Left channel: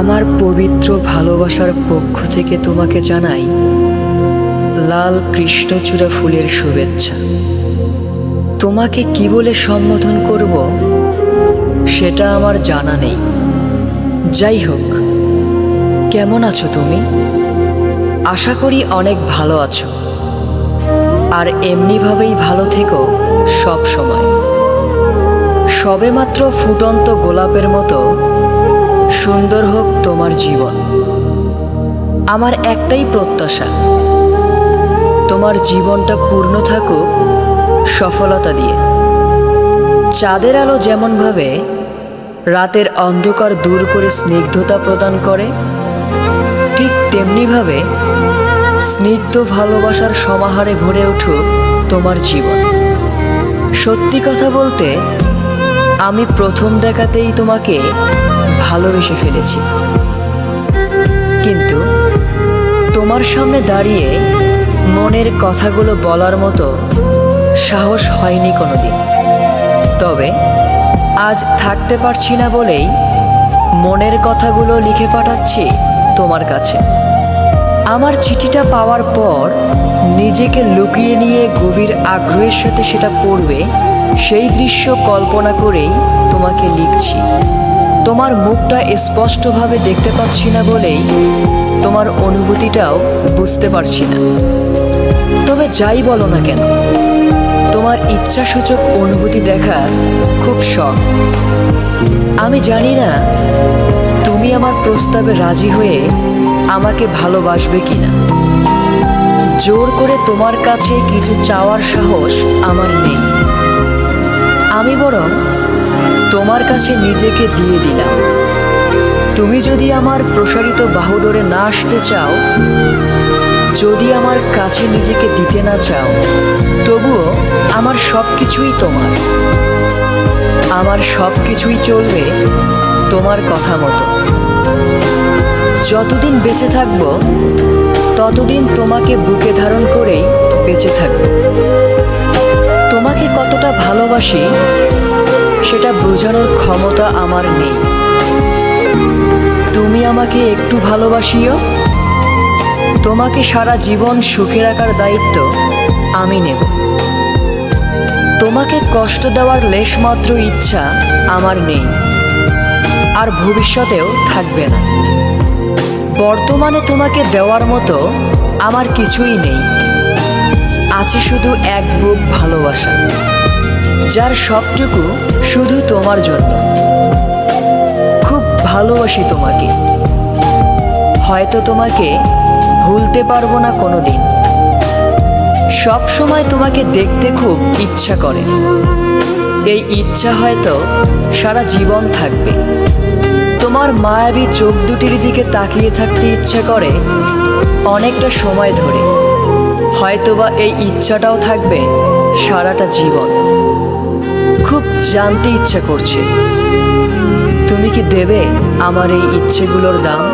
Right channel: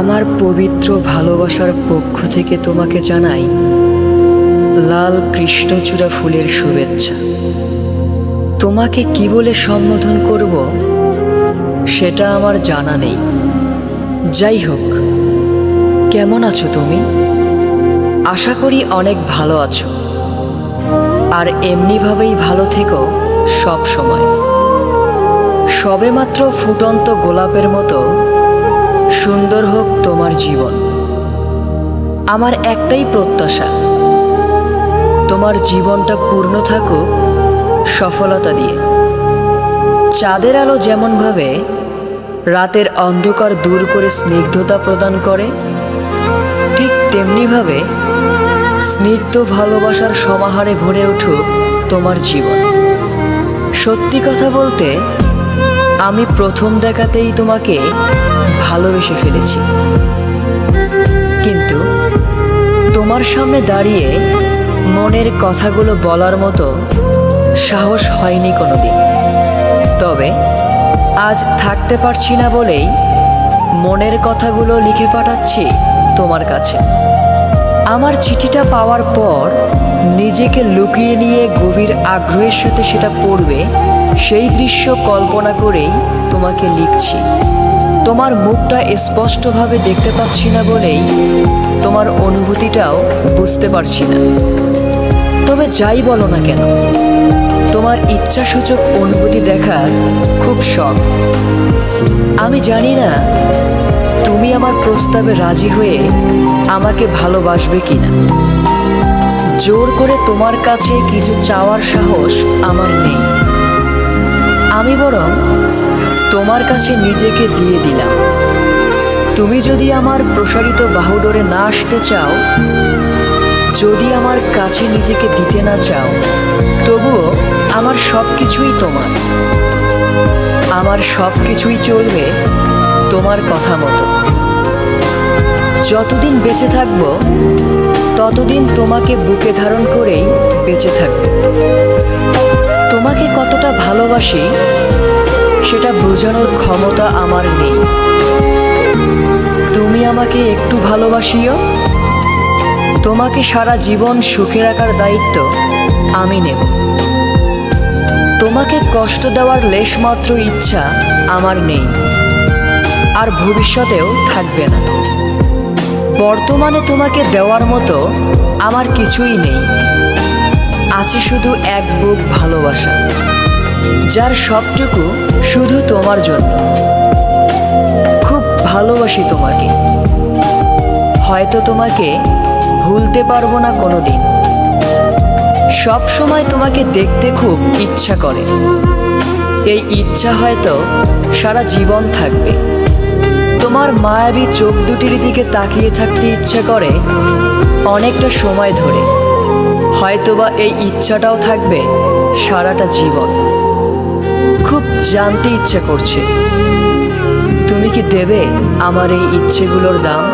আমার পবিত্র ভালোবাসার পক্ষ থেকে তোমাকে জানাই লাল কৃষ্ণচূড়া ফুলের শুভেচ্ছা। তোমাকে কি বলে সম্বোধন করব সেটা আমার জানা নেই। যাই হোক, কেমন আছো তুমি? আশা করি অনেক ভালো আছো, আর এমনিভাবেই ভালো থেকো সব সময়। সবেমাত্র ফুটন্ত গোলাপের মতো সুন্দর হোক তোমার জীবন। আমার একটাই প্রত্যাশা, তোমার জীবনটা পূর্ণ থাকুক সফলতা দিয়ে। চাঁদের আলো যেমনভাবে রাতের অন্ধকার দূর করে স্নিগ্ধতা প্রদান করে, ঠিক তেমনিভাবে স্নিগ্ধ ভালোবাসার সমাহারে ভরে উঠুক তোমার জীবন। সত্যি কথা বলতে, আমি প্রথম দেখাতেই তোমাকে ভালোবেসে ফেলেছি, কিন্তু তোমার সামনে দাঁড়িয়ে মনের কথাগুলো বলার মতো সাহস হয়নি কোনোদিন। তবে আজ থাকতে পারছি না বলেই মনের কথাগুলো লিখে পাঠাচ্ছি তোমার কাছে। আমার চিঠিটা পাওয়ার পর নিজেকে লুকিয়ে নিয়ে গভীর আগ্রহের সাথে সেটা পড়বে, সেই দৃশ্য কল্পনা করেই তোমাকে লিখছি। তোমার মুখটা স্পষ্টভাবে দেখতে পাচ্ছি না বলেই তোমার অনুভূতিটাও বুঝতে পারছি না। তবে যাই বলো না কেন, তোমার ইচ্ছাসূচক অনুভূতি দেখার খুব শখ। আমি জানি না তুমি আমার প্রস্তাবে রাজি হয়ে আমাকে ভালোবাসবে কিনা। জোর করে তোমার কাছে কিছু চাওয়ার সাহস আমার নেই। আমি বরং তোমার কাছে নিজেকে দিয়ে দিলাম। তুমি যদি আমার প্রসারিত বাহুডোরে না আসতে চাও, যদি আমার কাছে নিজেকে দিতে না চাও, তবুও আমার সব কিছুই তোমার। আমার সব কিছুই চলবে তোমার কথা মতো। যতদিন বেঁচে থাকব ততদিন তোমাকে বুকে ধারণ করেই বেঁচে থাকব। তোমাকে কতটা ভালোবাসি সেটা বোঝানোর ক্ষমতা আমার নেই। তুমি আমাকে একটু ভালোবাসিও। তোমাকে সারা জীবন সুখে রাখার দায়িত্ব আমি নেব। তোমাকে কষ্ট দেওয়ার লেশমাত্র ইচ্ছা আমার নেই, আর ভবিষ্যতেও থাকবে না। বর্তমানে তোমাকে দেওয়ার মতো আমার কিছুই নেই। আছে শুধু এক বুক ভালোবাসা, যার সবটুকু শুধু তোমার জন্য। খুব ভালোবাসি তোমাকে। হয়তো তোমাকে ভুলতে পারবো না কোনোদিন। সব সময় তোমাকে দেখতে খুব ইচ্ছা করে। এই ইচ্ছা হয়তো সারা জীবন থাকবে। তোমার মায়াবী চোখ দুটির দিকে তাকিয়ে থাকতে ইচ্ছা করে অনেকটা সময় ধরে। হয়তোবা এই ইচ্ছাটাও থাকবে সারাটা জীবন। খুব জানতে ইচ্ছা করছে, তুমি কি দেবে আমার এই ইচ্ছেগুলোর দাম?